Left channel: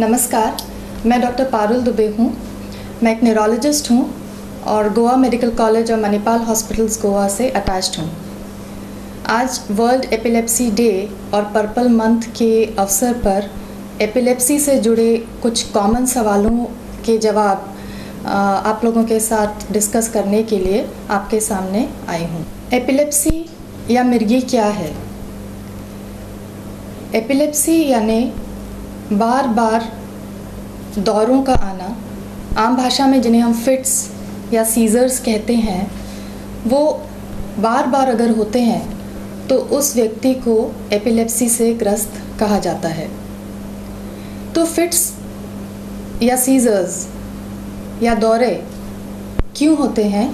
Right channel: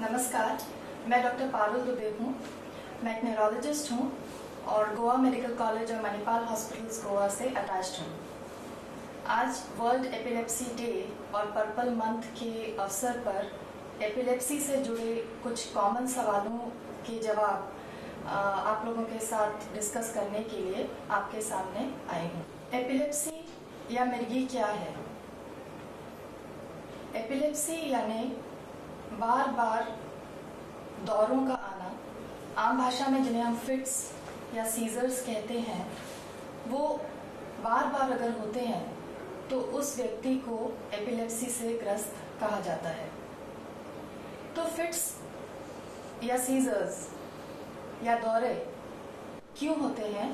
नमस्कार, मैं डॉक्टर पारुल दुबे हूँ। मैं एक न्यूरोलॉजिस्ट हूँ और गोवा मेडिकल कॉलेज और मणिपाल हॉस्पिटल्स गोवा से अटैच्ड हूँ। आज वर्ल्ड एपिलेप्सी डे और पर्पल मंथ के अवसर पर एपिलेप्सी से जुड़े कुछ कॉमन सवालों के जवाब आप लोगों के साथ डिस्कस करने के लिए आपके सामने आई हूँ। एपिलेप्सी या मिर्गी क्या है? एपिलेप्सी यानी बार बार दौरों का आना, आम भाषा में जिन्हें हम फिट्स या सीजर्स कहते हैं, वो बार बार अगर होते हैं तो उस व्यक्ति को एपिलेप्सी से ग्रस्त कहा जाता है। तो फिट्स या सीजर्स या दौरे क्यों होते हैं,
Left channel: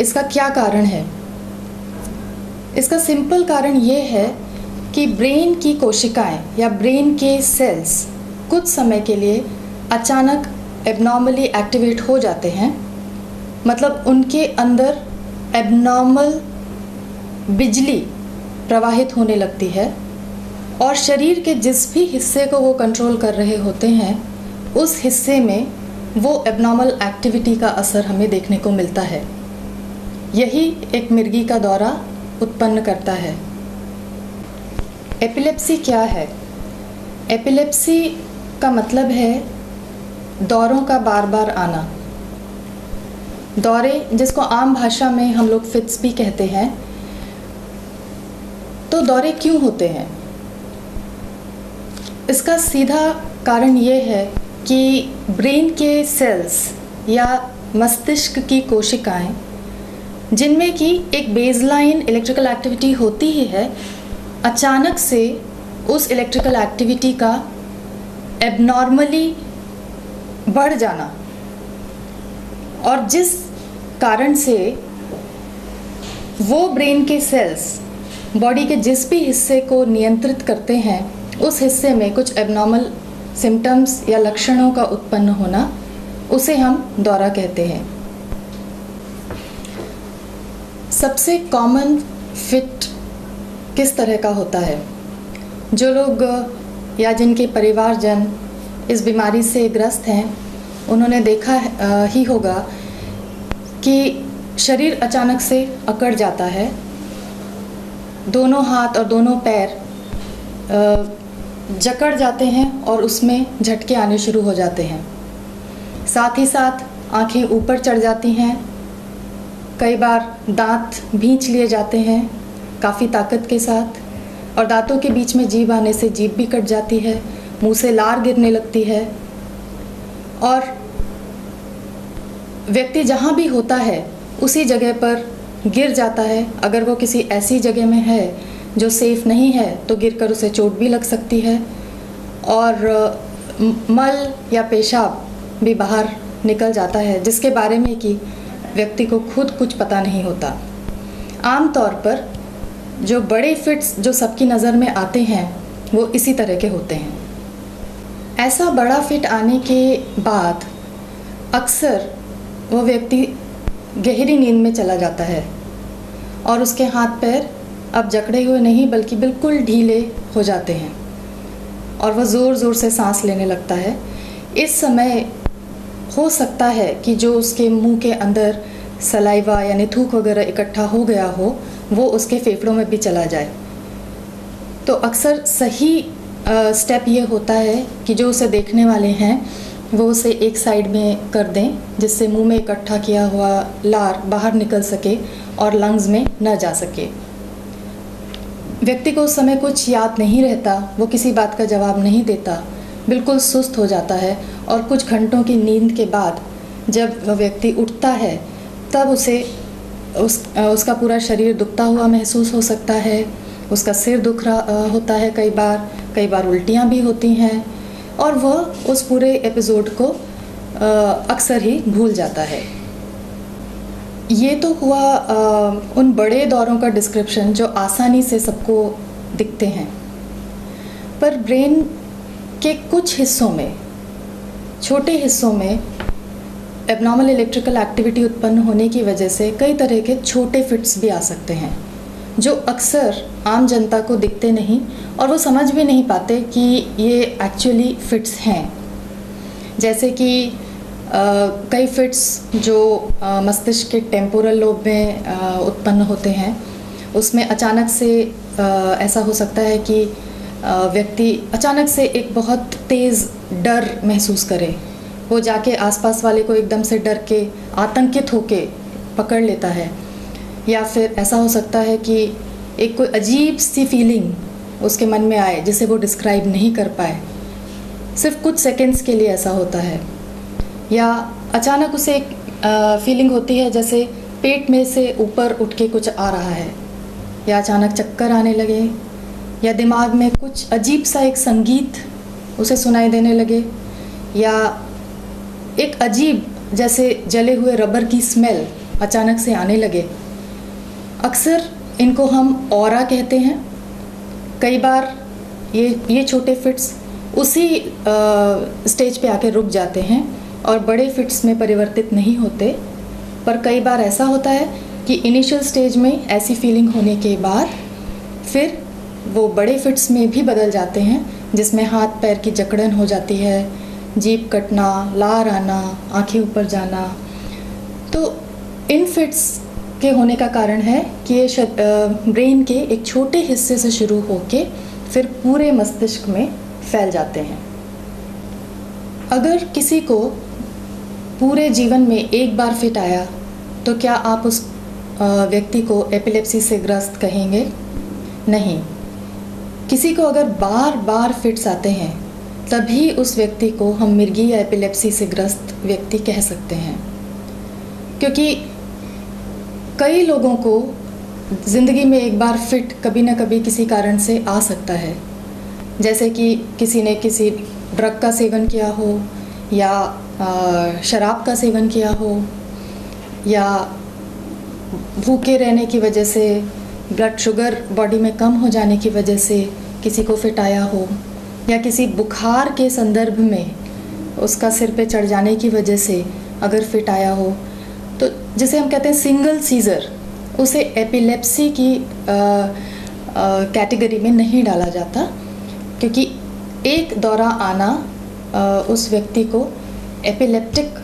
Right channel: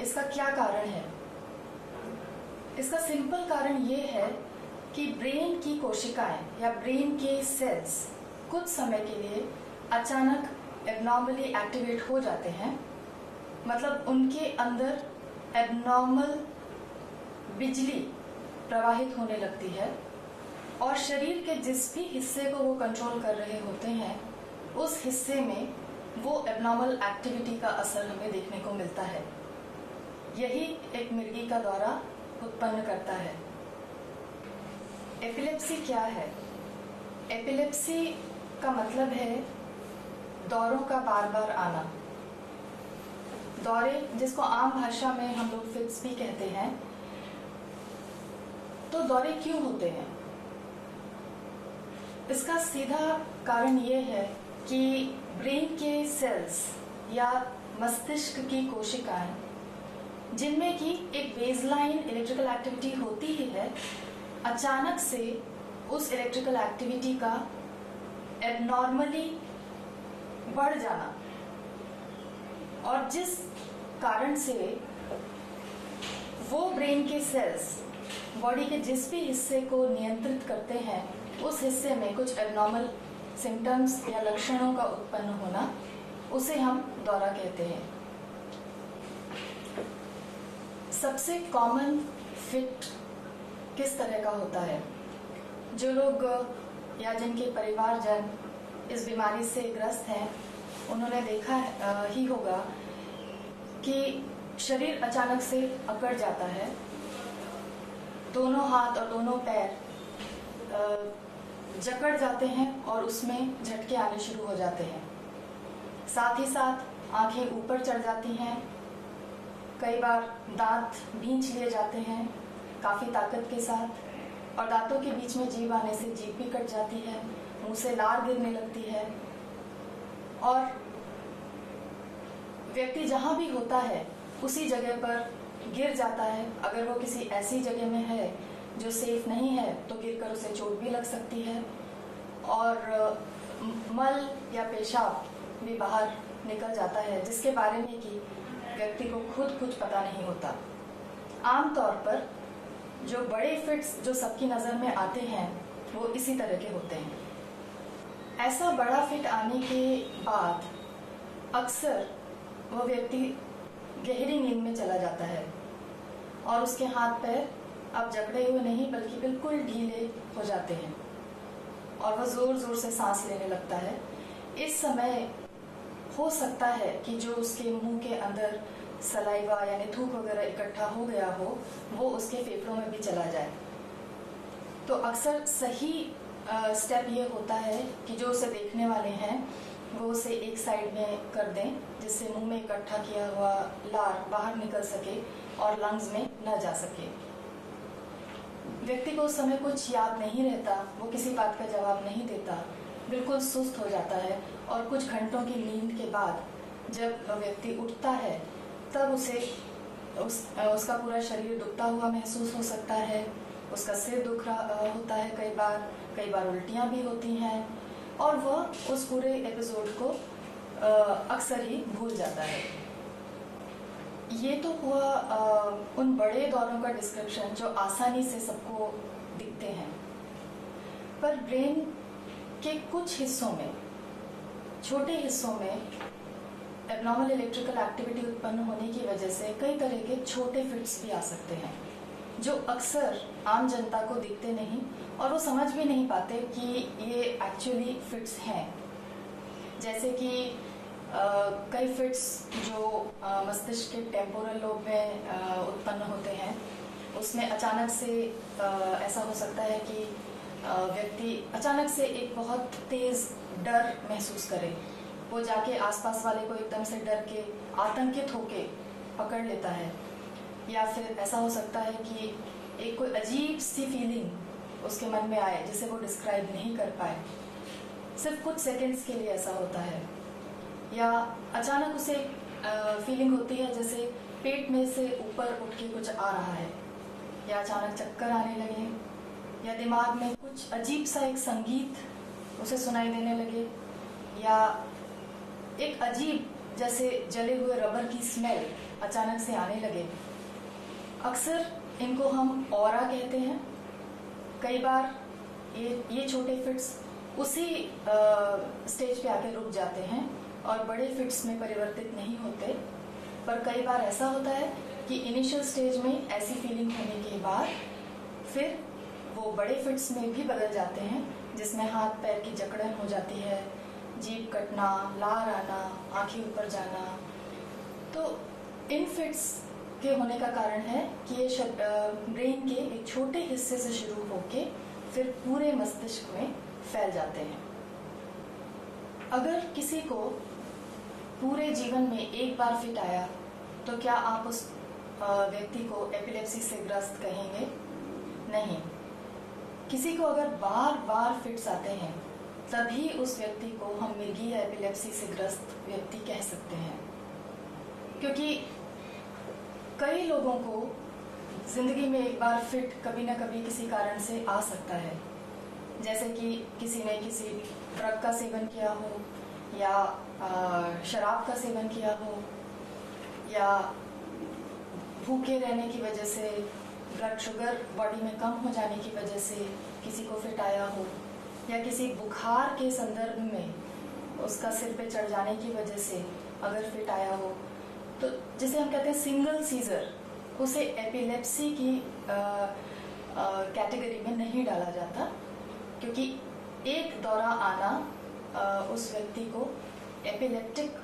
इसका क्या कारण है? इसका सिंपल कारण ये है कि ब्रेन की कोशिकाएं या ब्रेन के सेल्स कुछ समय के लिए अचानक एबनॉर्मली एक्टिवेट हो जाते हैं। मतलब उनके अंदर एबनॉर्मल बिजली प्रवाहित होने लगती है और शरीर के जिस भी हिस्से को वो कंट्रोल कर रहे होते हैं उस हिस्से में वो एबनॉर्मल एक्टिविटी का असर हमें देखने को मिलता है। यही एक मिर्गी का दौरा उत्पन्न करता है। एपिलेप्सी क्या है? एपिलेप्सी का मतलब है दौरों का बार बार आना। दौरे, जिसको आम भाषा में हम लोग फिट्स भी कहते हैं। तो दौरे क्यों होते हैं? इसका सीधा कारण ये है कि ब्रेन के सेल्स या मस्तिष्क की कोशिकाएं, जिनमें कि एक बेसलाइन इलेक्ट्रिकल एक्टिविटी होती ही है, अचानक से उस इलेक्ट्रिकल एक्टिविटी का एबनॉर्मली बढ़ जाना, और जिस कारण से वो ब्रेन के सेल्स बॉडी के जिस भी हिस्से को नियंत्रित करते हैं उस हिस्से में कुछ एबनॉर्मल सिम्टम्स या लक्षणों का उत्पन्न होना, उसे हम दौरा कहते हैं। सबसे कॉमन फिट किस तरह का होता है? जो लोग या जिनके परिवारजन इस बीमारी से ग्रस्त हैं, उन्होंने देखा ही होगा कि शरीर अचानक से अकड़ जाता है, दोनों हाथ और दोनों पैर जकड़ जाते हैं और उसमें झटके आने शुरू हो जाते हैं। साथ ही साथ आंखें ऊपर चढ़ जाती हैं, कई बार दांत भींच लिए जाते हैं काफ़ी ताकत के साथ, और दांतों के बीच में जीभ आने से जीभ भी कट जाती है, मुंह से लार गिरने लगती है, और व्यक्ति जहाँ भी होता है उसी जगह पर गिर जाता है। अगर वो किसी ऐसी जगह में है जो सेफ़ नहीं है तो गिरकर उसे चोट भी लग सकती है, और मल या पेशाब भी बाहर निकल जाता है, जिसके बारे में कि व्यक्ति को खुद कुछ पता नहीं होता। आमतौर पर जो बड़े फिट्स जो सबकी नज़र में आते हैं वो इसी तरह के होते हैं। ऐसा बड़ा फिट आने के बाद अक्सर वो व्यक्ति गहरी नींद में चला जाता है और उसके हाथ पैर अब जकड़े हुए नहीं बल्कि बिल्कुल ढीले हो जाते हैं और वह ज़ोर ज़ोर से सांस लेने लगता है। इस समय हो सकता है कि जो उसके मुंह के अंदर सलाइवा यानी थूक वगैरह इकट्ठा हो गया हो वो उसके फेफड़ों में भी चला जाए। तो अक्सर सही स्टेप ये होता है कि जो उसे देखने वाले हैं वो उसे एक साइड में कर दें, जिससे मुंह में इकट्ठा किया हुआ लार बाहर निकल सके और लंग्स में न जा सके। व्यक्ति को उस समय कुछ याद नहीं रहता, वो किसी बात का जवाब नहीं देता, बिल्कुल सुस्त हो जाता है, और कुछ घंटों की नींद के बाद जब वह व्यक्ति उठता है तब उसे उसका पूरा शरीर दुखता हुआ महसूस हो सकता है, उसका सिर दुख रहा होता है, कई बार उल्टियाँ भी होती हैं, और वह उस पूरे एपिसोड को अक्सर ही भूल जाता है। ये तो हुआ उन बड़े दौरों का डिस्क्रिप्शन जो आसानी से सबको दिखते हैं, पर ब्रेन के कुछ हिस्सों में, छोटे हिस्सों में एबनॉर्मल इलेक्ट्रिकल एक्टिविटी उत्पन्न होने की वजह से कई तरह के छोटे फिट्स भी आ सकते हैं, जो अक्सर आम जनता को दिखते नहीं और वो समझ भी नहीं पाते कि ये एक्चुअली फिट्स हैं। जैसे कि कई फिट्स जो मस्तिष्क के टेम्पोरल लोब में उत्पन्न होते हैं, उसमें अचानक से ऐसा हो सकता है कि व्यक्ति अचानक से एक बहुत तेज़ डर महसूस करे, वो जाके आसपास वाले को एकदम से डर के आतंकित होके पकड़ लेता है। या फिर ऐसा हो सकता है कि एक कोई अजीब सी फीलिंग उसके मन में आए जिसे वो डिस्क्राइब नहीं कर पाए, सिर्फ कुछ सेकंड्स के लिए ऐसा होता है। या अचानक उसे एक फीलिंग होती है जैसे पेट में से ऊपर उठ के कुछ आ रहा है, या अचानक चक्कर आने लगे, या दिमाग में कुछ अजीब सा एक संगीत उसे सुनाई देने लगे, या एक अजीब जैसे जले हुए रबर की स्मेल अचानक से आने लगे। अक्सर इनको हम ऑरा कहते हैं। कई बार ये छोटे फिट्स उसी स्टेज पे आके रुक जाते हैं और बड़े फिट्स में परिवर्तित नहीं होते। पर कई बार ऐसा होता है कि इनिशियल स्टेज में ऐसी फीलिंग होने के बाद फिर वो बड़े फिट्स में भी बदल जाते हैं, जिसमें हाथ पैर की जकड़न हो जाती है, जीभ कटना, लार आना, आंखें ऊपर जाना। तो इन फिट्स के होने का कारण है कि ये ब्रेन के एक छोटे हिस्से से शुरू होके फिर पूरे मस्तिष्क में फैल जाते हैं। अगर किसी को पूरे जीवन में एक बार फिट आया तो क्या आप उस व्यक्ति को एपिलेप्सी से ग्रस्त कहेंगे? नहीं। किसी को अगर बार बार फिट्स आते हैं तभी उस व्यक्ति को हम मिर्गी या एपिलेप्सी से ग्रस्त व्यक्ति कह सकते हैं, क्योंकि कई लोगों को ज़िंदगी में एक बार फिट कभी ना कभी किसी कारण से आ सकता है। जैसे कि किसी ने किसी ड्रग का सेवन किया हो, या शराब का सेवन किया हो, या भूखे रहने की वजह से, ब्लड शुगर बॉडी में कम हो जाने की वजह से किसी को फिट आया हो, या किसी बुखार के संदर्भ में उसका सिर पे चढ़ जाने की वजह से अगर फिट आया हो, तो जिसे हम कहते हैं सिंगल सीज़र, उसे एपिलेप्सी की कैटेगरी में नहीं डाला जाता, क्योंकि एक दौरा आना उस व्यक्ति को एपिलेप्टिक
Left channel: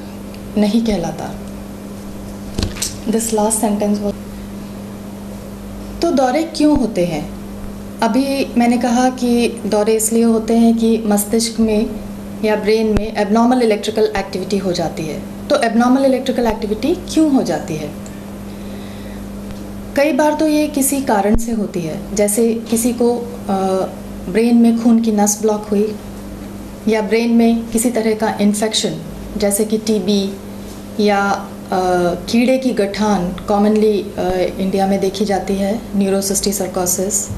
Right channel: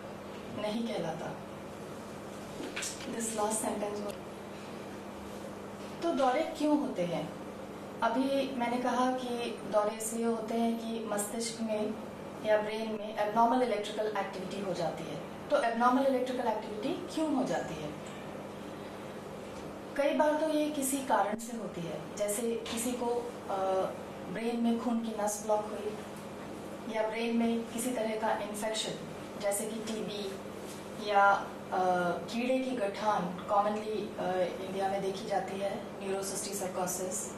नहीं कहलाता। दिस लास्ट सेंटेंस वो। तो दौरे क्यों होते हैं? अभी मैंने कहा कि दौरे इसलिए होते हैं कि मस्तिष्क में या ब्रेन में एबनॉर्मल इलेक्ट्रिकल एक्टिविटी हो जाती है। तो एबनॉर्मल इलेक्ट्रिकल एक्टिविटी क्यों हो जाती है? कई बार तो ये किसी कारण से होती है, जैसे किसी को ब्रेन में खून की नस ब्लॉक हुई, या ब्रेन में किसी तरह का इन्फेक्शन जैसे कि टीबी, या कीड़े की गठान कॉमनली इंडिया में देखी जाती है, न्यूरोसिस्टिसर्कोसिस,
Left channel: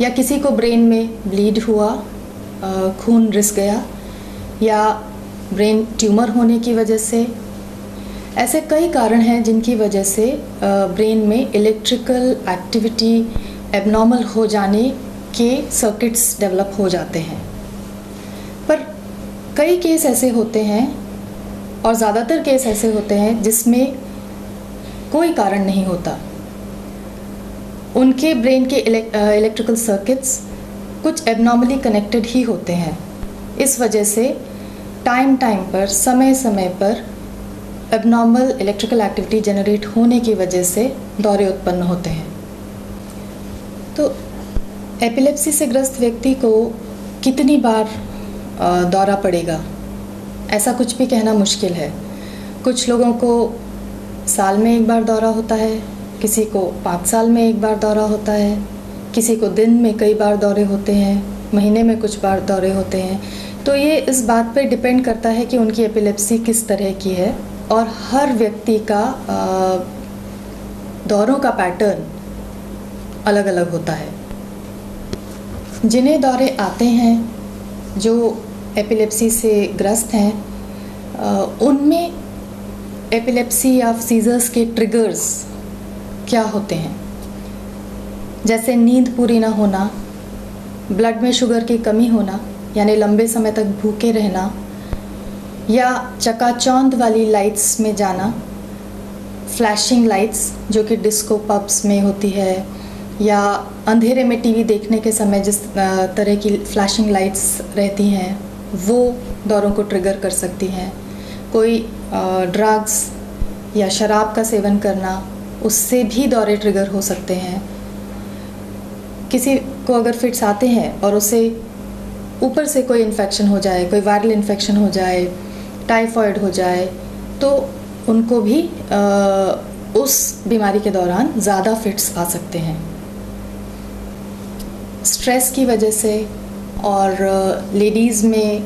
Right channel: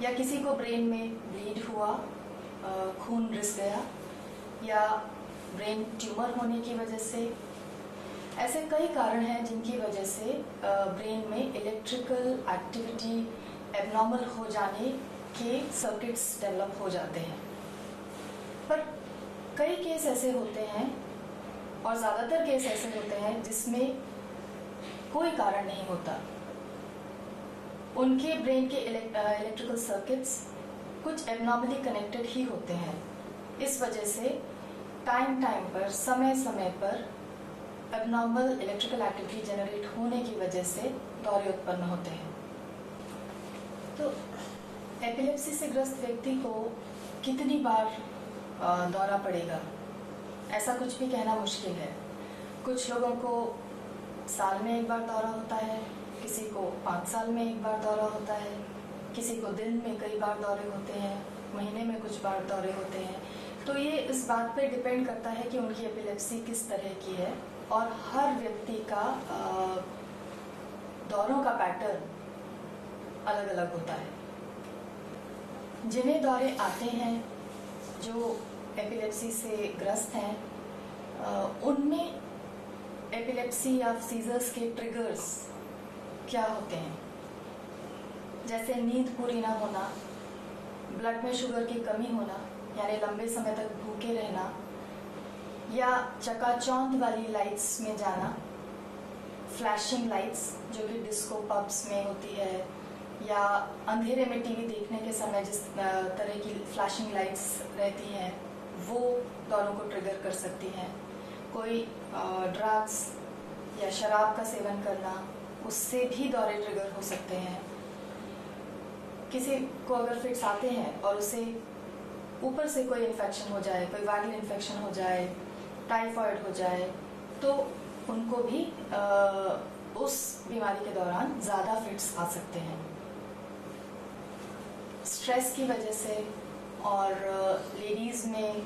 या किसी को ब्रेन में ब्लीड हुआ, खून रिस गया, या ब्रेन ट्यूमर होने की वजह से। ऐसे कई कारण हैं जिनकी वजह से ब्रेन में इलेक्ट्रिकल एक्टिविटी एबनॉर्मल हो जाने के सर्किट्स डेवलप हो जाते हैं। पर कई केस ऐसे होते हैं, और ज़्यादातर केस ऐसे होते हैं जिसमें कोई कारण नहीं होता। उनके ब्रेन के इलेक्ट्रिकल सर्किट्स कुछ एबनॉर्मली कनेक्टेड ही होते हैं। इस वजह से टाइम पर, समय समय पर एबनॉर्मल इलेक्ट्रिकल एक्टिविटी जनरेट होने की वजह से दौरे उत्पन्न होते हैं। तो एपिलेप्सी से ग्रस्त व्यक्ति को कितनी बार दौरा पड़ेगा, ऐसा कुछ भी कहना मुश्किल है। कुछ लोगों को साल में एक बार दौरा होता है, किसी को 5 साल में एक बार दौरा होता है, किसी को दिन में कई बार दौरे होते हैं, महीने में कुछ बार दौरे होते हैं। तो ये इस बात पे डिपेंड करता है कि उनकी एपिलेप्सी किस तरह की है, और हर व्यक्ति का दौरों का पैटर्न अलग अलग होता है। जिन्हें दौरे आते हैं, जो एपिलेप्सी से ग्रस्त हैं, उनमें एपिलेप्सी या सीजर्स के ट्रिगर्स क्या होते हैं? जैसे नींद पूरी ना होना, ब्लड में शुगर की कमी होना, यानी लंबे समय तक भूखे रहना, या चकाचौंध वाली लाइट्स में जाना, फ्लैशिंग लाइट्स जो कि डिस्को पब्स में होती है, या अंधेरे में टीवी देखने के समय जिस तरह की फ्लैशिंग लाइट्स रहती हैं वो दौरों को ट्रिगर कर सकती हैं। कोई ड्रग्स या शराब का सेवन करना, उससे भी दौरे ट्रिगर हो सकते हैं। किसी को अगर फिट्स आते हैं और उसे ऊपर से कोई इन्फेक्शन हो जाए, कोई वायरल इन्फेक्शन हो जाए, टाइफॉइड हो जाए, तो उनको भी उस बीमारी के दौरान ज़्यादा फिट्स आ सकते हैं। स्ट्रेस की वजह से और लेडीज़ में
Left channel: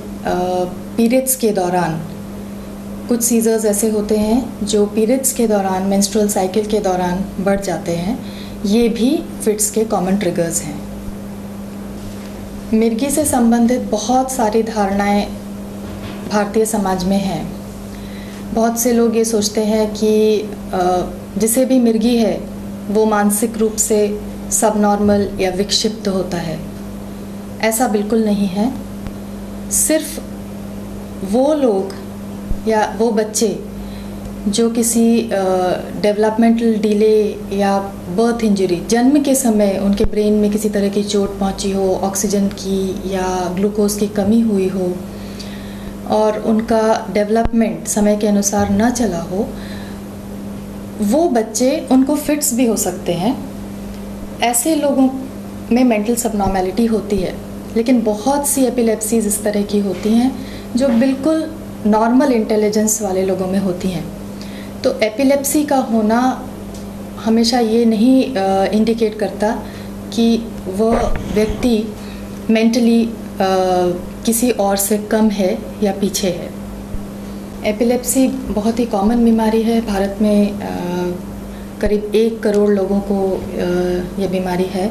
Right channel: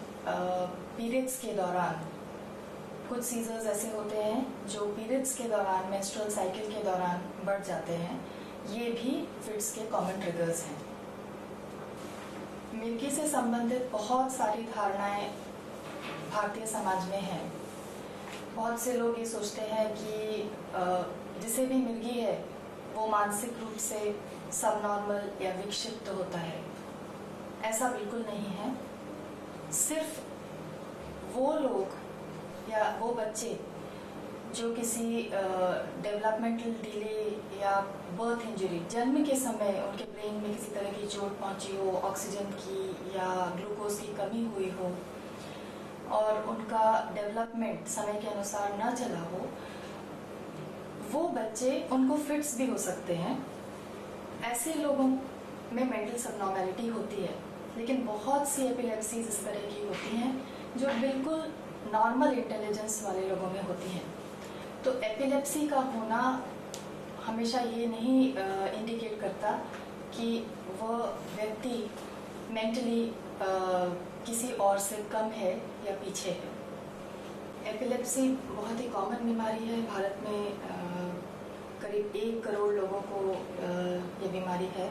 पीरियड्स के दौरान कुछ सीजर्स ऐसे होते हैं जो पीरियड्स के दौरान, मेंस्ट्रुअल साइकिल के दौरान बढ़ जाते हैं। ये भी फिट्स के कॉमन ट्रिगर्स हैं। मिर्गी से संबंधित बहुत सारी धारणाएं भारतीय समाज में हैं। बहुत से लोग ये सोचते हैं कि जिसे भी मिर्गी है वो मानसिक रूप से सबनॉर्मल या विक्षिप्त होता है। ऐसा बिल्कुल नहीं है। सिर्फ वो लोग या वो बच्चे जो किसी डेवलपमेंटल डिले या बर्थ इंजरी, जन्म के समय उनके ब्रेन में किसी तरह की चोट पहुंची हो, ऑक्सीजन की या ग्लूकोज की कमी हुई हो और उनका डेवलपमेंट समय के अनुसार न चला हो, वो बच्चे, उनको फिट्स भी हो सकते हैं। ऐसे लोगों में मेंटल सबनॉर्मेलिटी होती है, लेकिन बहुत सी एपिलेप्सीज इस तरह की होती हैं जो बिल्कुल नॉर्मल इंटेलिजेंस वाले लोगों में होती हैं। तो एपिलेप्सी का होना हमेशा ये नहीं इंडिकेट करता कि वह व्यक्ति मेंटली किसी और से कम है या पीछे है। एपिलेप्सी बहुत ही कॉमन बीमारी है। भारत में करीब 1 करोड़ लोगों को यह बीमारी है।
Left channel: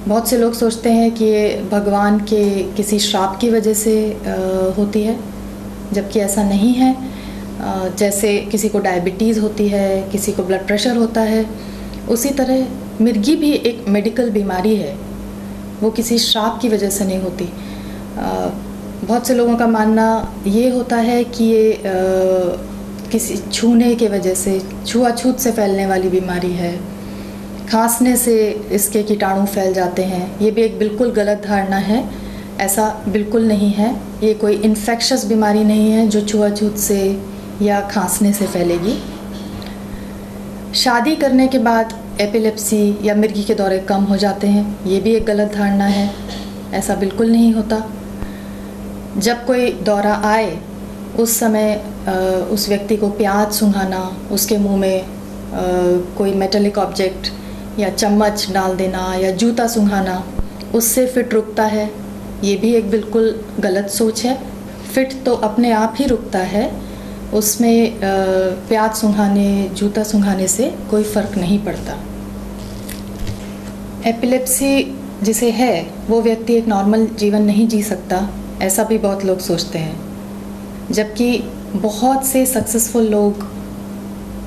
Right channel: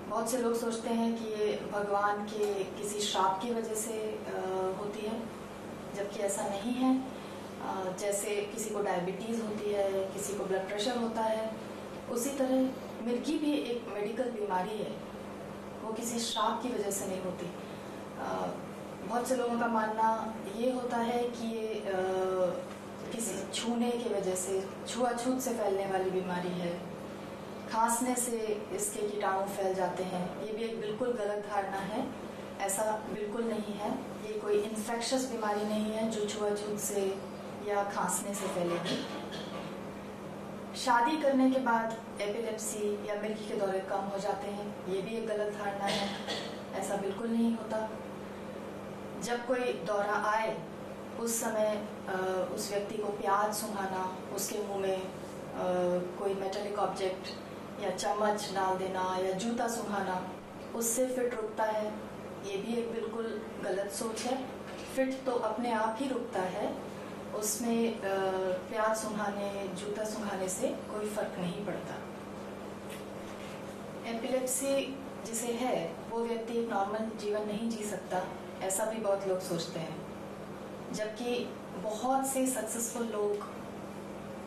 बहुत से लोग सोचते हैं कि ये भगवान के किसी श्राप की वजह से होती है, जबकि ऐसा नहीं है। जैसे किसी को डायबिटीज़ होती है, किसी को ब्लड प्रेशर होता है, उसी तरह मिर्गी भी एक मेडिकल बीमारी है। वो किसी श्राप की वजह से नहीं होती। बहुत से लोगों का मानना ये होता है कि ये किसी छूने के वजह से, छुआछूत से फैलने वाली बीमारी है। खांसने से इसके कीटाणु फैल जाते हैं। ये भी एक बिल्कुल गलत धारणा है। ऐसा बिल्कुल नहीं है। ये कोई इन्फेक्शस बीमारी नहीं है जो छुआछूत से या खांसने से फैलेगी। शादी करने के बाद एपिलेप्सी या मिर्गी के दौरे कम हो जाते हैं, ये भी एक गलत धारणा है। ऐसा बिल्कुल नहीं होता। जब कोई दौरा आए उस समय उस व्यक्ति को प्याज सूंघाना, उसके मुंह में कोई मेटालिक ऑब्जेक्ट या चम्मच डाल देना या जूता सूंघाना, उससे फिट रुकता है, ये भी एक बिल्कुल गलत सोच है। फिट तो अपने आप ही रुकता है, उसमें प्याज सूंघाने, जूता सूंघाने से कोई फ़र्क नहीं पड़ता। एपिलेप्सी जिसे है वो व्यक्ति एक नॉर्मल जीवन नहीं जी सकता, ऐसा भी बहुत लोग सोचते हैं। जबकि बहुत से सक्सेसफुल लोग,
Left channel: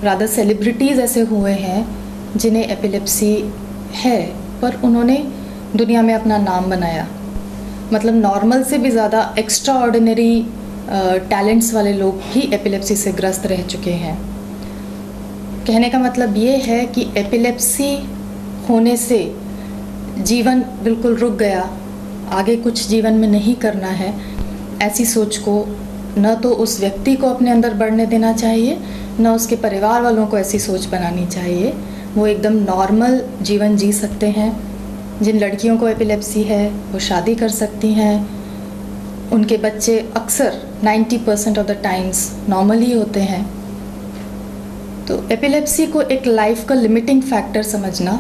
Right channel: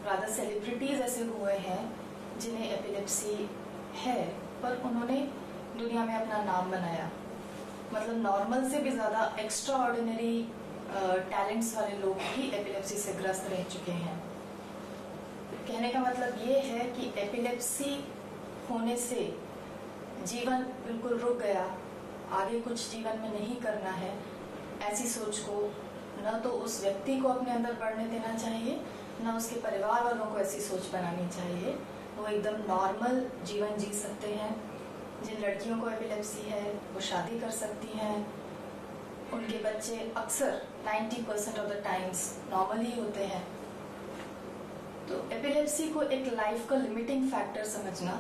रादर सेलिब्रिटीज़ ऐसे हुए हैं जिन्हें एपिलेप्सी है, पर उन्होंने दुनिया में अपना नाम बनाया। मतलब नॉर्मल से भी ज़्यादा एक्स्ट्रा ऑर्डिनरी टैलेंट्स वाले लोग भी एपिलेप्सी से ग्रस्त रह चुके हैं। कहने का मतलब ये है कि एपिलेप्सी होने से जीवन बिल्कुल रुक गया, आगे कुछ जीवन में नहीं करना है, ऐसी सोच को न तो उस व्यक्ति को अपने अंदर बढ़ने देना चाहिए, न उसके परिवार वालों को ऐसी सोच बनानी चाहिए। वो एकदम नॉर्मल जीवन जी सकते हैं। जिन लड़कियों को एपिलेप्सी है वो शादी कर सकती हैं, उनके बच्चे अक्सर 90% ऑफ द टाइम्स नॉर्मल ही होते हैं। तो एपिलेप्सी को एक लाइफ का लिमिटिंग फैक्टर समझना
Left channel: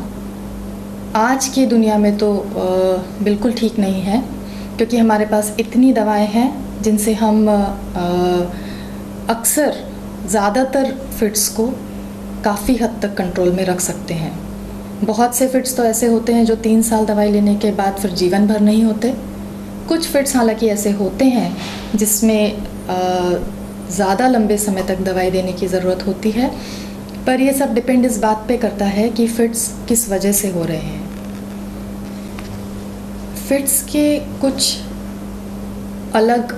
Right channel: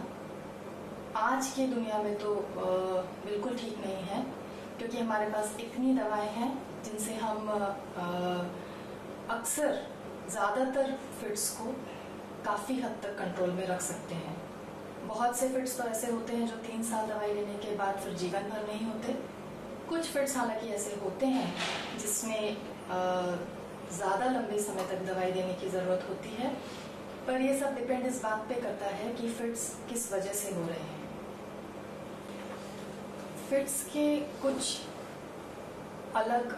आज की दुनिया में तो बिल्कुल ठीक नहीं है, क्योंकि हमारे पास इतनी दवाएं हैं जिनसे हम अक्सर ज़्यादातर फिट्स को काफ़ी हद तक कंट्रोल में रख सकते हैं। बहुत से फिट्स तो ऐसे होते हैं जो 3 साल दवाई लेने के बाद फिर जीवन भर नहीं होते। कुछ फिट्स हालांकि ऐसे होते हैं जिसमें ज़्यादा लंबे समय तक दवाई देने की ज़रूरत होती है, पर ये सब डिपेंड इस बात पे करता है कि फिट्स किस वजह से हो रहे हैं। फिट्स के कुछ अलग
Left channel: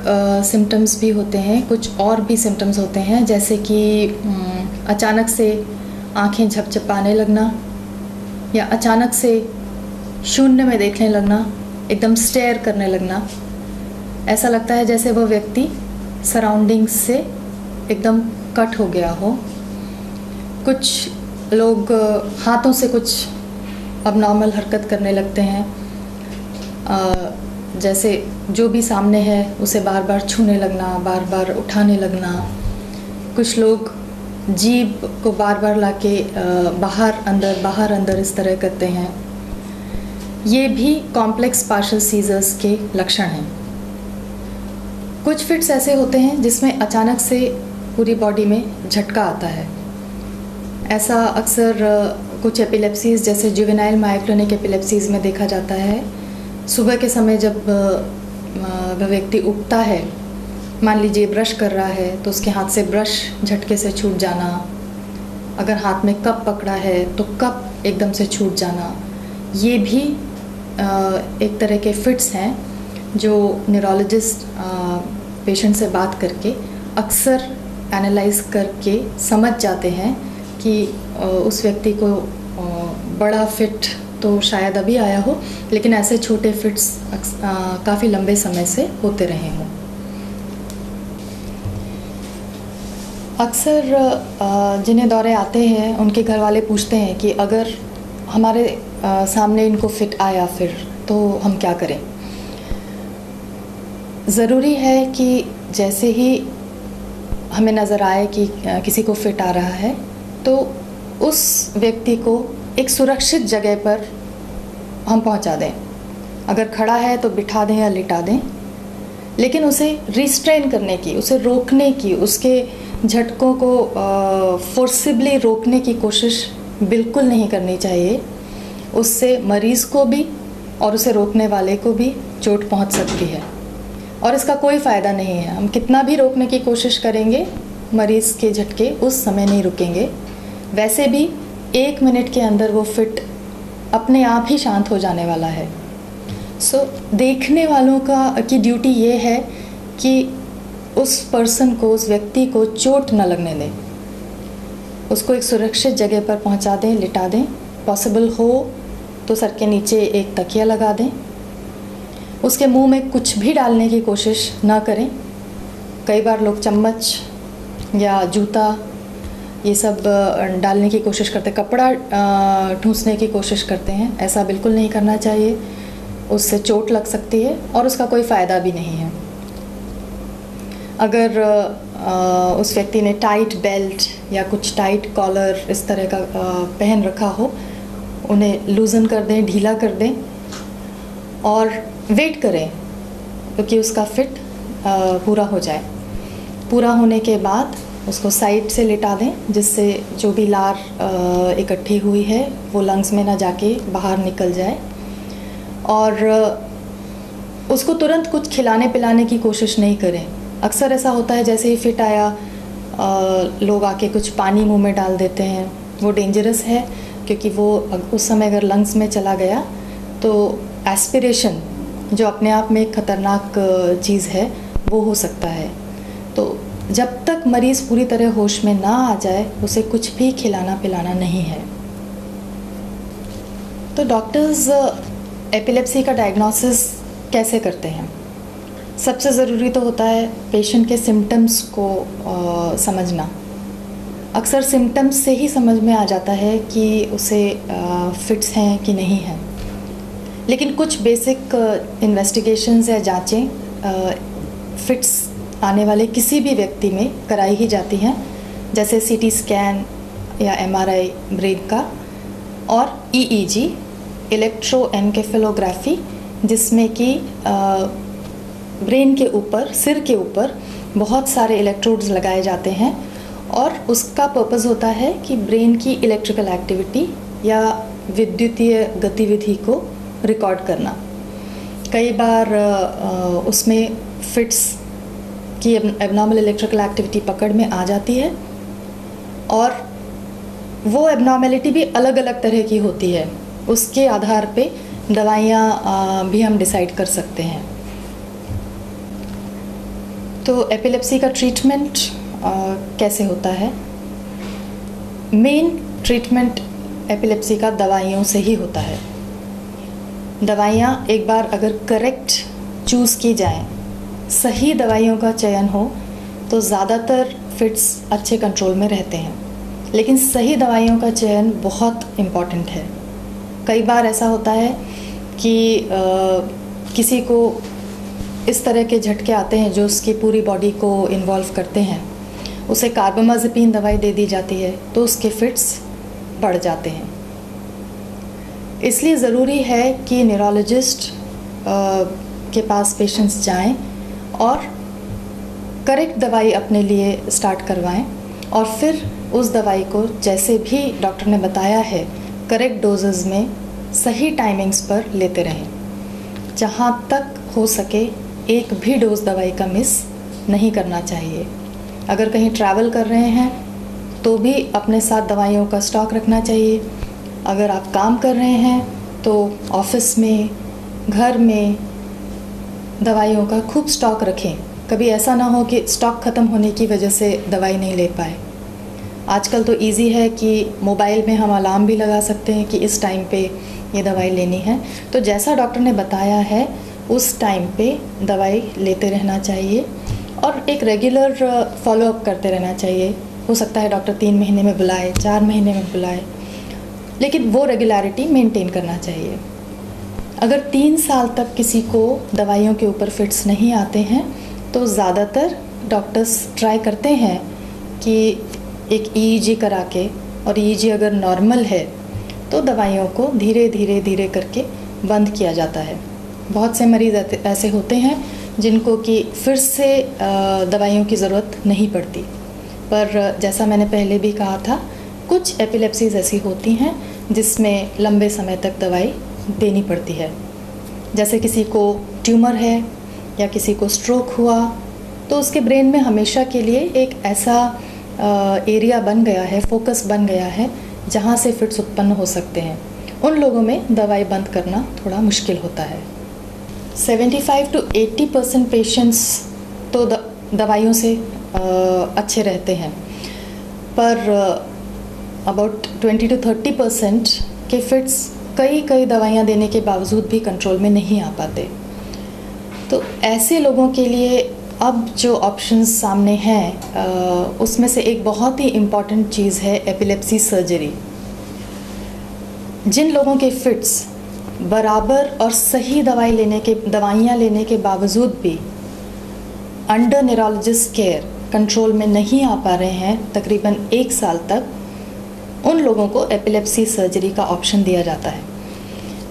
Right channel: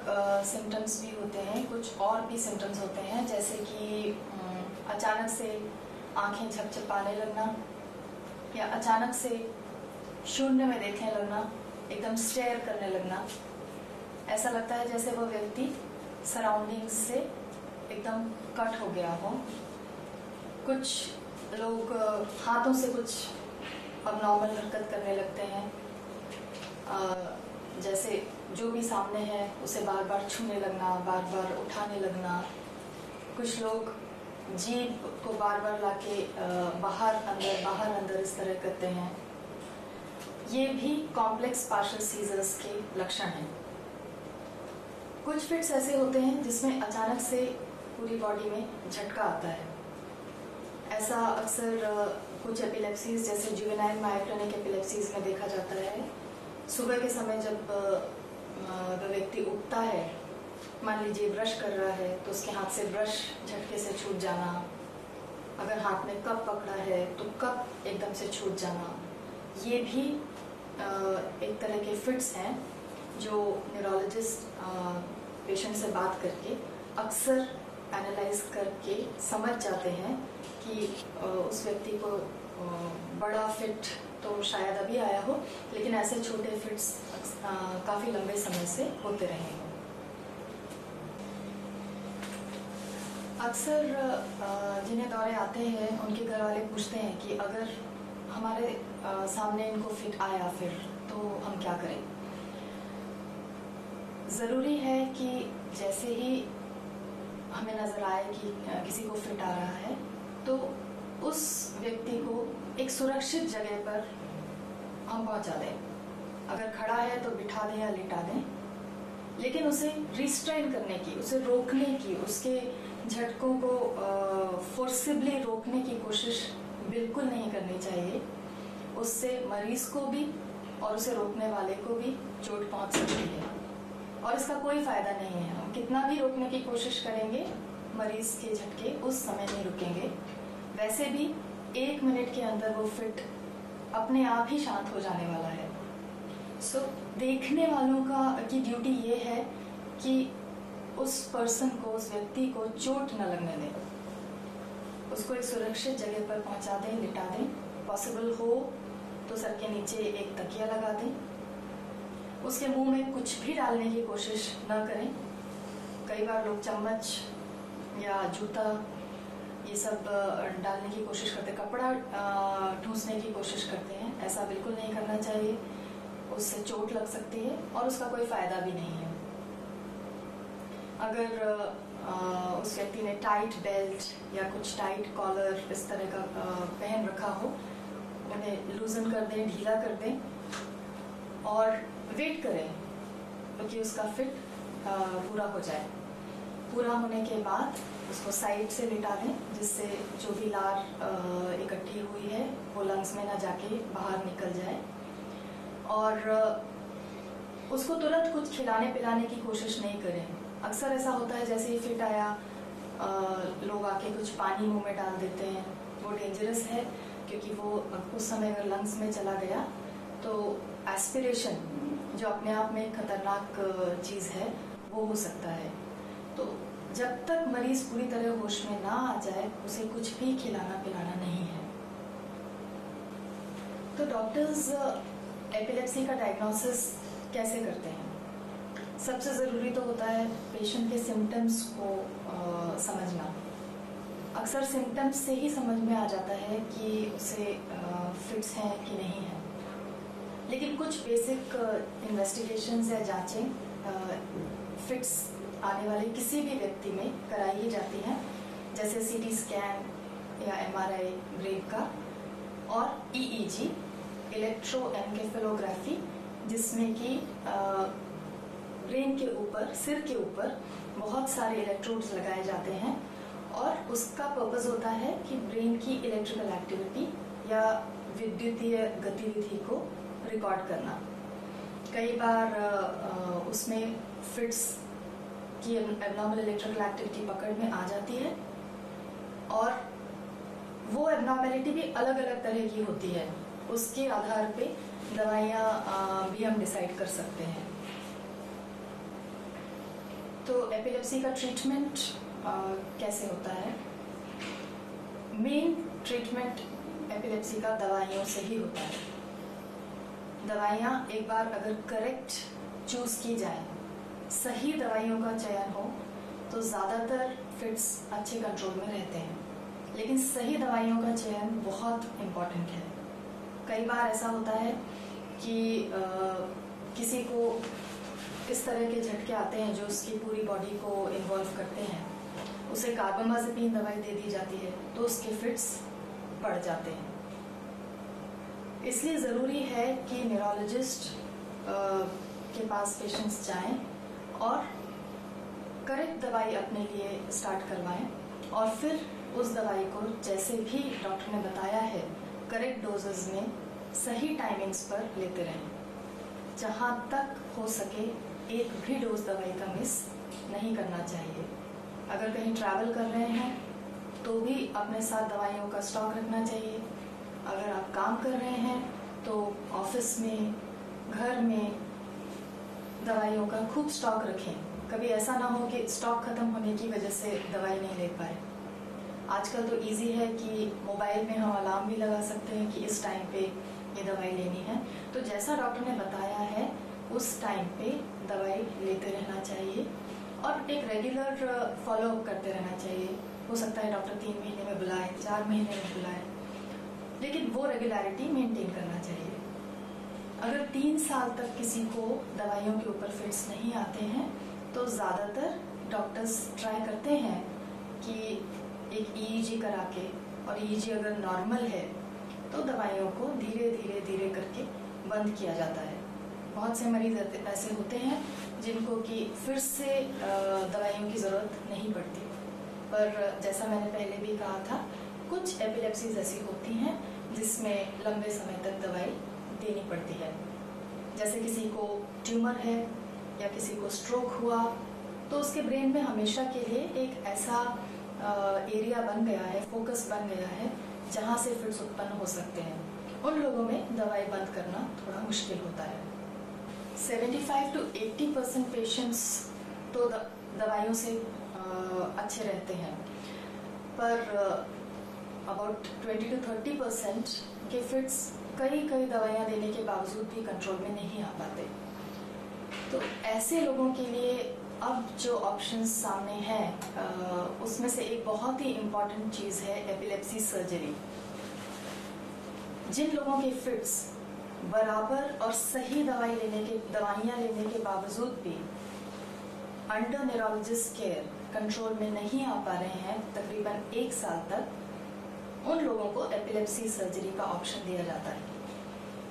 सिम्टम्स भी होते हैं, कुछ और भी सिम्टम्स होते हैं, जैसे कि अचानक से आँखें झपझपाने लगना, या अचानक से शून्य में देखने लगना, एकदम स्टेयर करने लगना। ऐसा लगता है जैसे वह व्यक्ति सराउंडिंग्स से एकदम कट हो गया हो। कुछ लोग हाथों से कुछ अबनॉर्मल हरकत करने लगते हैं, जैसे जो भी सामने है उसे बार बार छूने लगना, बार बार उठाने लगना। कुछ लोग जीभ को बार बार लाके बाहर अंदर इस तरह करते हैं। ये भी कॉम्प्लेक्स पार्शियल सीजर्स के लक्षण हैं। कुछ फिट्स ऐसे होते हैं जिसमें अचानक से पूरी बॉडी में झटका आता है। ऐसा अक्सर कुछ एपिलेप्सीज़ जैसे जुवेनाइल मायोक्लोनिक एपिलेप्सीज़ में देखा जाता है। सुबह के समय जब वह व्यक्ति उठता है, मान लीजिए ब्रश कर रहा है तो उसके हाथ से ब्रश झटके से छूट जाना। अगर हाथ में कप पकड़ा है तो कप एकदम से छूट जाना। ये भी एक तरह के फिट्स हैं जो न्यूरोलॉजिस्ट पेशेंट से बात करके अक्सर एनालाइज करके समझ जाते हैं कि उस व्यक्ति को बड़ा फिट तो शायद अभी आया हो, लेकिन ऐसे छोटे फिट्स काफ़ी लंबे समय से होते रहे हों। अक्सर जिन्हें दौरे आते हैं उनके घर वाले पूछते हैं कि अगर हमारे सामने इनको फिट आया फिर तो हम क्या करें। ज़रूरी है कि जैसे ही हमें नज़र आए कि किसी को फिट आ रहा है तो उस व्यक्ति को एक सुरक्षित जगह पर हम पहुंचा दें। अगर खड़ा है तो बिठा दें या लिटा दें, लेकिन उसे रिस्ट्रेन करने की, उसे रोकने की, उसके झटकों को फोर्सिबली रोकने की कोशिश बिल्कुल नहीं करनी चाहिए। उससे मरीज़ को भी और उसे रोकने वाले को भी चोट पहुंच सकती है और इसका कोई फ़ायदा नहीं है। हम कितना भी रोकने की कोशिश करेंगे, मरीज़ के झटके उस समय नहीं रुकेंगे। वैसे भी 1 मिनट के अंदर वो फिट अपने आप ही शांत हो जाने वाला है। देखने वालों की ड्यूटी ये है कि उस पर्सन को, उस व्यक्ति को चोट न लगने दें। उसको एक सुरक्षित जगह पर पहुंचा दें, लिटा दें। पॉसिबल हो तो सर के नीचे एक तकिया लगा दें। उसके मुंह में कुछ भी डालने की कोशिश ना करें। कई बार लोग चम्मच या जूता ये सब डालने की कोशिश करते हैं, कपड़ा ठूंसने की कोशिश करते हैं। ऐसा बिल्कुल नहीं करना चाहिए, उससे चोट लग सकती है और उसका कोई फ़ायदा भी नहीं है। अगर उस व्यक्ति ने टाइट बेल्ट या कुछ टाइट कॉलर इस तरह का पहन रखा हो, उन्हें लूज़न कर दें, ढीला कर दें और वेट करें क्योंकि उसका फिट पूरा हो जाए। पूरा होने के बाद उसको साइड से लिटा दें, जिससे जो भी लार इकट्ठी हुई है वो लंग्स में ना जाके बाहर निकल जाए। और उसको तुरंत कुछ खिलाने पिलाने की कोशिश नहीं करें। अक्सर ऐसा होता है जैसे ही फिट आया लोग आके कुछ पानी मुंह में डाल देते हैं। वो डेंजरस है क्योंकि वो उस समय अगर लंग्स में चला गया तो एस्पिरेशन, जो अपने आप में एक ख़तरनाक चीज़ है, वो हो सकता है। तो जब तक मरीज़ पूरी तरह होश में ना आ जाए उसे कुछ भी खिलाना पिलाना नहीं है। तो डॉक्टर्स एपिलेप्सी का डायग्नोसिस कैसे करते हैं? सबसे ज़रूरी तो होता है पेशेंट के सिम्टम्स को समझना। अक्सर सिम्टम्स से ही समझ में आ जाता है कि उसे फिट्स हैं कि नहीं हैं। लेकिन कुछ बेसिक इन्वेस्टिगेशंस या जांचें फिट्स आने वाले किसी भी व्यक्ति में कराई ही जाती हैं, जैसे सीटी स्कैन या एमआरआई ब्रेन का, और ईईजी इलेक्ट्रोएन्केफेलोग्राफी, जिसमें कि ब्रेन के ऊपर, सिर के ऊपर बहुत सारे इलेक्ट्रोड्स लगाए जाते हैं और उसका पर्पस होता है कि ब्रेन की इलेक्ट्रिकल एक्टिविटी या विद्युतीय गतिविधि को रिकॉर्ड करना। कई बार उसमें फिट्स की एबनॉर्मल इलेक्ट्रिकल एक्टिविटी पकड़ में आ जाती है और वो एबनॉर्मेलिटी भी अलग अलग तरह की होती है। उसके आधार पे दवाइयाँ भी हम डिसाइड कर सकते हैं। तो एपिलेप्सी का ट्रीटमेंट कैसे होता है? मेन ट्रीटमेंट एपिलेप्सी का दवाइयों से ही होता है। दवाइयाँ एक बार अगर करेक्ट चूज़ की जाएं, सही दवाइयों का चयन हो तो ज़्यादातर फिट्स अच्छे कंट्रोल में रहते हैं। लेकिन सही दवाइयों का चयन बहुत इम्पॉर्टेंट है। कई बार ऐसा होता है कि किसी को इस तरह के झटके आते हैं जो उसकी पूरी बॉडी को इन्वॉल्व करते हैं, उसे कार्बामाज़ेपिन दवाई दे दी जाती है तो उसके फिट्स बढ़ जाते हैं। इसलिए ज़रूरी है कि न्यूरोलॉजिस्ट के पास पेशेंट्स जाएं और करेक्ट दवाई अपने लिए स्टार्ट करवाएं और फिर उस दवाई को जैसे भी डॉक्टर ने बताया है करेक्ट डोजेज़ में सही टाइमिंग्स पर लेते रहें। जहाँ तक हो सके एक भी डोज दवाई का मिस नहीं करना चाहिए। अगर कहीं ट्रैवल कर रहे हैं तो भी अपने साथ दवाइयों का स्टॉक रखना चाहिए। अगर आप काम कर रहे हैं तो ऑफिस में, घर में दवाइयों का खूब स्टॉक रखें। कभी ऐसा ना हो कि स्टॉक ख़त्म होने की वजह से दवाई नहीं ले पाए। आजकल तो इजी है कि मोबाइल में हम अलार्म भी लगा सकते हैं कि इस टाइम पे ये दवाई लेनी है, तो जैसा डॉक्टर ने बताया है उस टाइम पे दवाई लेते रहना चाहिए और एक रेगुलर फॉलोअप करते रहना चाहिए। हो सकता है डॉक्टर 3 महीने में बुलाए, 4 महीने में बुलाए, लेकिन वो रेगुलरिटी मेंटेन करना चाहिए। अगर 3 साल तक किसी को दवाइयों के ऊपर फिट्स नहीं आते हैं तो ज़्यादातर डॉक्टर्स ट्राई करते हैं कि एक ईईजी करा के, और ईईजी अगर नॉर्मल है तो दवाइयों को धीरे धीरे करके बंद किया जाता है। बहुत से मरीज़ ऐसे होते हैं जिनको कि फिर से दवाइयों की ज़रूरत नहीं पड़ती, पर जैसा मैंने पहले भी कहा था कुछ एपिलेप्सीज़ ऐसी होती हैं जिसमें लंबे समय तक दवाई देनी पड़ती है। जैसे किसी को ट्यूमर है या किसी को स्ट्रोक हुआ तो उसके ब्रेन में हमेशा के लिए एक ऐसा एरिया बन गया है, फोकस बन गया है जहाँ से फिट्स उत्पन्न हो सकते हैं। उन लोगों में दवाई बंद करना थोड़ा मुश्किल होता है। 75 to 80% पेशेंट्स तो दवाइयों से अच्छे रहते हैं, पर अबाउट 20 to 30% के फिट्स कई दवाइयाँ देने के बावजूद भी कंट्रोल में नहीं आ पाते। तो ऐसे लोगों के लिए अब जो ऑप्शंस सामने हैं उसमें से एक बहुत ही इम्पॉर्टेंट चीज़ है एपिलेप्सी सर्जरी। जिन लोगों के फिट्स बराबर और सही दवाइयाँ लेने के बावजूद भी अंडर न्यूरोलॉजिस्ट केयर कंट्रोल में नहीं आ पा रहे हैं तकरीबन 1 साल तक, उन लोगों को एपिलेप्सी सर्जरी का ऑप्शन दिया जाता है।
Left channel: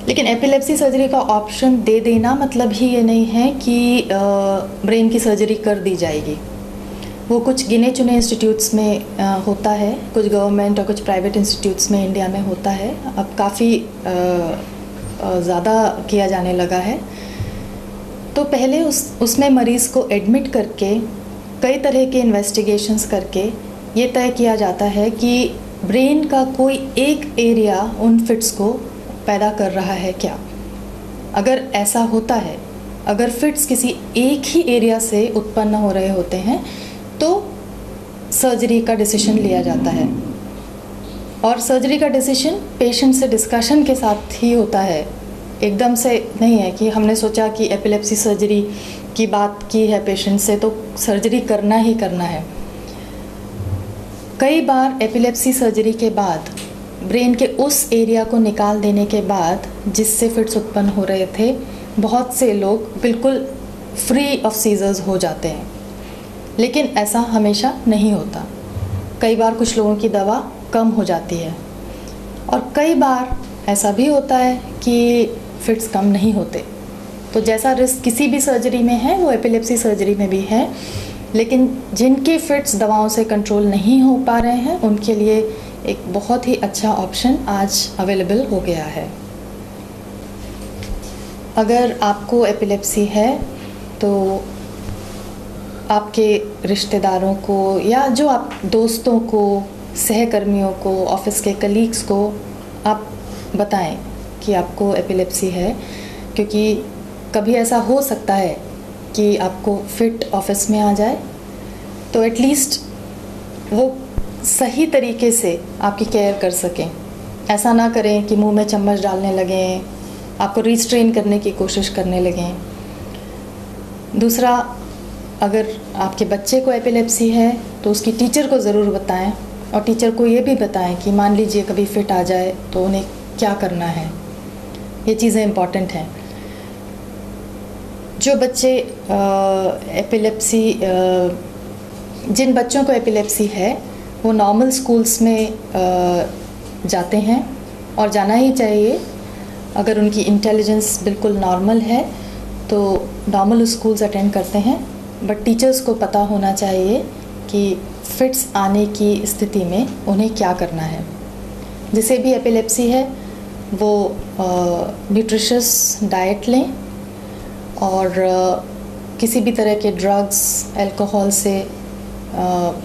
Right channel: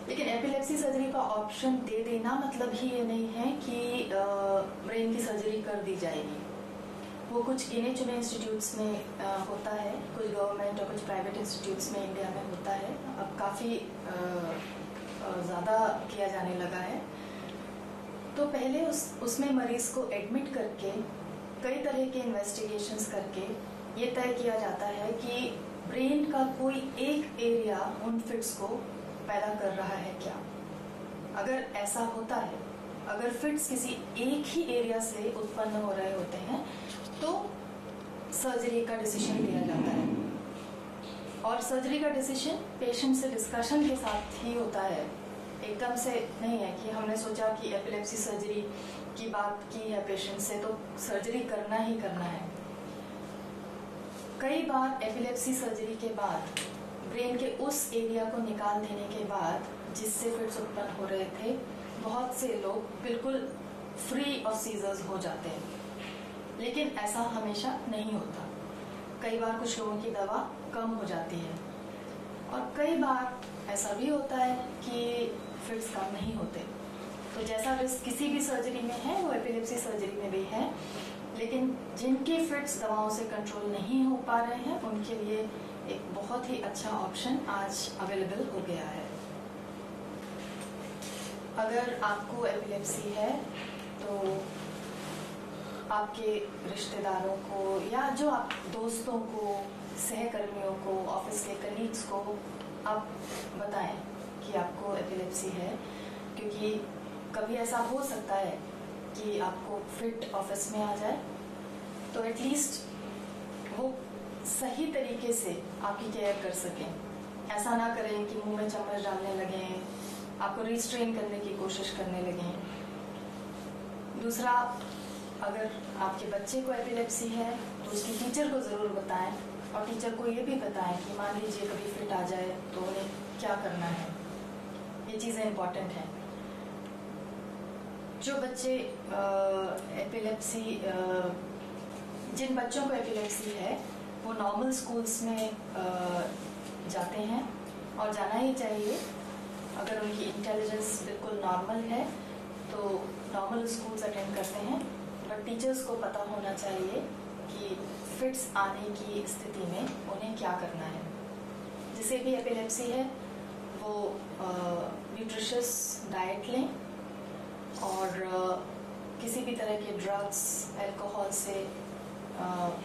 लेकिन एपिलेप्सी सर्जरी का ऑप्शन दे देना मतलब ही ये नहीं है कि ब्रेन की सर्जरी कर दी जाएगी। वो कुछ गिने चुने इंस्टीट्यूट्स में होता है, कुछ गवर्नमेंट और कुछ प्राइवेट इंस्टीट्यूट्स में इंडिया में होता है। अब काफ़ी ज़्यादा किया जाने लगा है। तो पहले उसमें मरीज़ को एडमिट करके कई तरह के इन्वेस्टिगेशंस करके ये तय किया जाता है कि ब्रेन का कोई एक एरिया उन फिट्स को पैदा कर रहा है क्या। अगर ऐसा होता है, अगर फिट्स किसी एक ही एरिया से उत्पन्न हो रहे होते हैं तो सर्जरी का डिसीजन लिया जाता है, और सर्जरी का डिसीजन पेशेंट से डिस्कशन के साथ ही होता है। एकदम से नहीं है कि हमने सोचा कि एपिलेप्सी सर्जरी की बात की है पेशेंट से तो सर्जरी करना ही करना है। कई बार एपिलेप्सी सर्जरी के बाद ब्रेन के उस एरिया को निकाल देने के बाद जिससे फिट्स उत्पन्न हो रहे थे, बहुत से लोग बिल्कुल फ्री ऑफ सीजर्स हो जाते हैं। लेकिन ऐसा हमेशा नहीं होता। कई बार कुछ लोगों की दवा कम हो जाती है और कई बार ऐसा भी होता है कि फिट्स कम नहीं होते। तो जैसा रिस्क किसी भी सर्जरी में है वो एपिलेप्सी सर्जरी में भी है। लेकिन जिनके फिट्स दवाओं से कंट्रोल नहीं हो पा रहे हैं उनके लिए एक बहुत ही अच्छा ऑप्शन आज अवेलेबल हो गया है। अगर आपको एपिलेप्सी है तो आपके रिश्तेदारों को या जो आप दोस्तों को, सहकर्मियों को, ऑफिस के कलीग्स को आप बताएं कि आपको एपिलेप्सी है, क्योंकि कभी ऐसा हो सकता है कि आपको फिट ऑफिस में आ जाए, तो एटलीस्ट वो सही तरीके से आपकी केयर कर सकें। ऐसा ना करें कि मुंह में चम्मच डालने लगें, आपको रिस्ट्रेन करने की कोशिश करने लगें। दूसरा, अगर आपके बच्चे को एपिलेप्सी है तो उसकी टीचर को ज़रूर बताएं, और टीचर को ये भी बताएं कि मान लीजिए कभी फिट आ जाए तो उन्हें क्या करना है। ये चीज़ें इम्पॉर्टेंट हैं। जो बच्चे जिन बच्चों को एपिलेप्सी है वो नॉर्मल स्कूल्स में जाते हैं, और जाना ही चाहिए। अगर उनकी इंटेलिजेंस बिल्कुल नॉर्मल है तो नॉर्मल स्कूल्स अटेंड करते हैं, बट टीचर्स को पता होना चाहिए कि फिट्स आने की स्थिति में उन्हें क्या करना है। जिसे भी एपिलेप्सी है वो न्यूट्रिशियस डाइट लें, और किसी भी तरह के ड्रग्स, अल्कोहल से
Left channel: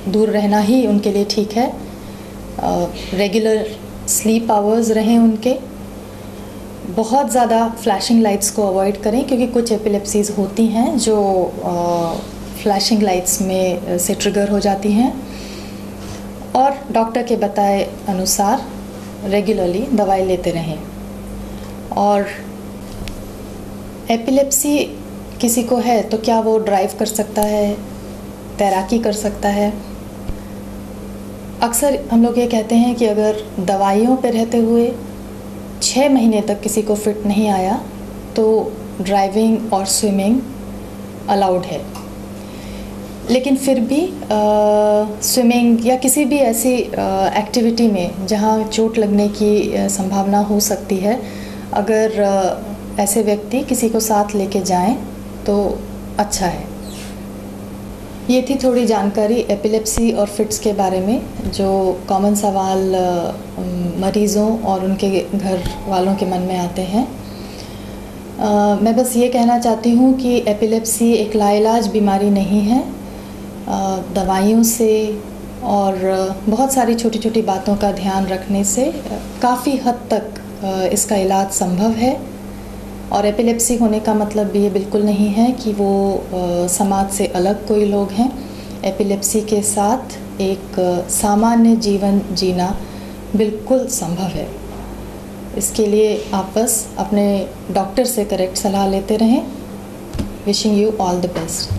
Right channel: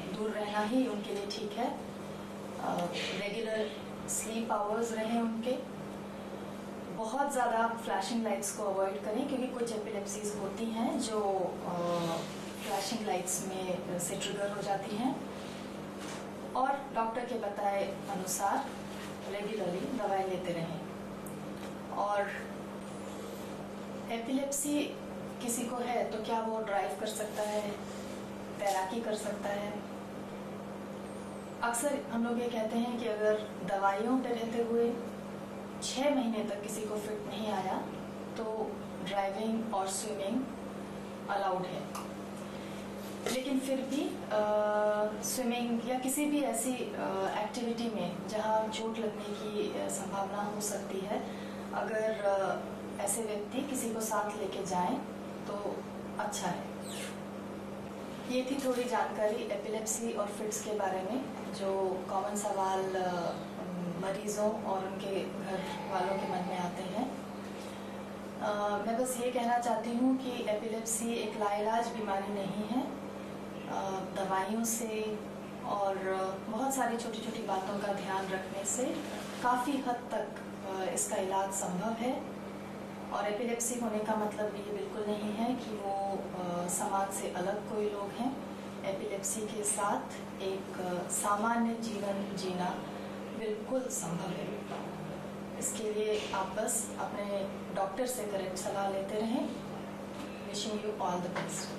दूर रहना ही उनके लिए ठीक है। रेगुलर स्लीप आवर्स रहें उनके। बहुत ज़्यादा फ्लैशिंग लाइट्स को अवॉइड करें, क्योंकि कुछ एपिलेप्सीज़ होती हैं जो फ्लैशिंग लाइट्स में से ट्रिगर हो जाती हैं। और डॉक्टर के बताए अनुसार रेगुलरली दवाई लेते रहें। और एपिलेप्सी किसी को है तो क्या वो ड्राइव कर सकता है, तैराकी कर सकता है? अक्सर हम लोग ये कहते हैं कि अगर दवाइयों पर रहते हुए 6 महीने तक किसी को फिट नहीं आया तो ड्राइविंग और स्विमिंग अलाउड है। लेकिन फिर भी स्विमिंग या किसी भी ऐसी एक्टिविटी में जहाँ चोट लगने की संभावना हो सकती है, अगर ऐसे व्यक्ति किसी को साथ लेके जाएं तो अच्छा है। ये थी थोड़ी जानकारी एपिलेप्सी और फिट्स के बारे में, जो कॉमन सवाल मरीज़ों और उनके घर वालों के मन में आते हैं। मैं बस ये कहना चाहती हूँ कि एपिलेप्सी एक लाइलाज बीमारी नहीं है। दवाइयों से और बहुत सारी छोटी छोटी बातों का ध्यान रखने से काफ़ी हद तक इसका इलाज संभव है। और एपिलेप्सी होने का मतलब ये बिल्कुल नहीं है कि वो समाज से अलग कोई लोग हैं। एपिलेप्सी के साथ एक सामान्य जीवन जीना बिल्कुल संभव है। इसके लिए आप बस अपने डॉक्टर से करेक्ट सलाह लेते रहें। Wishing you all the best.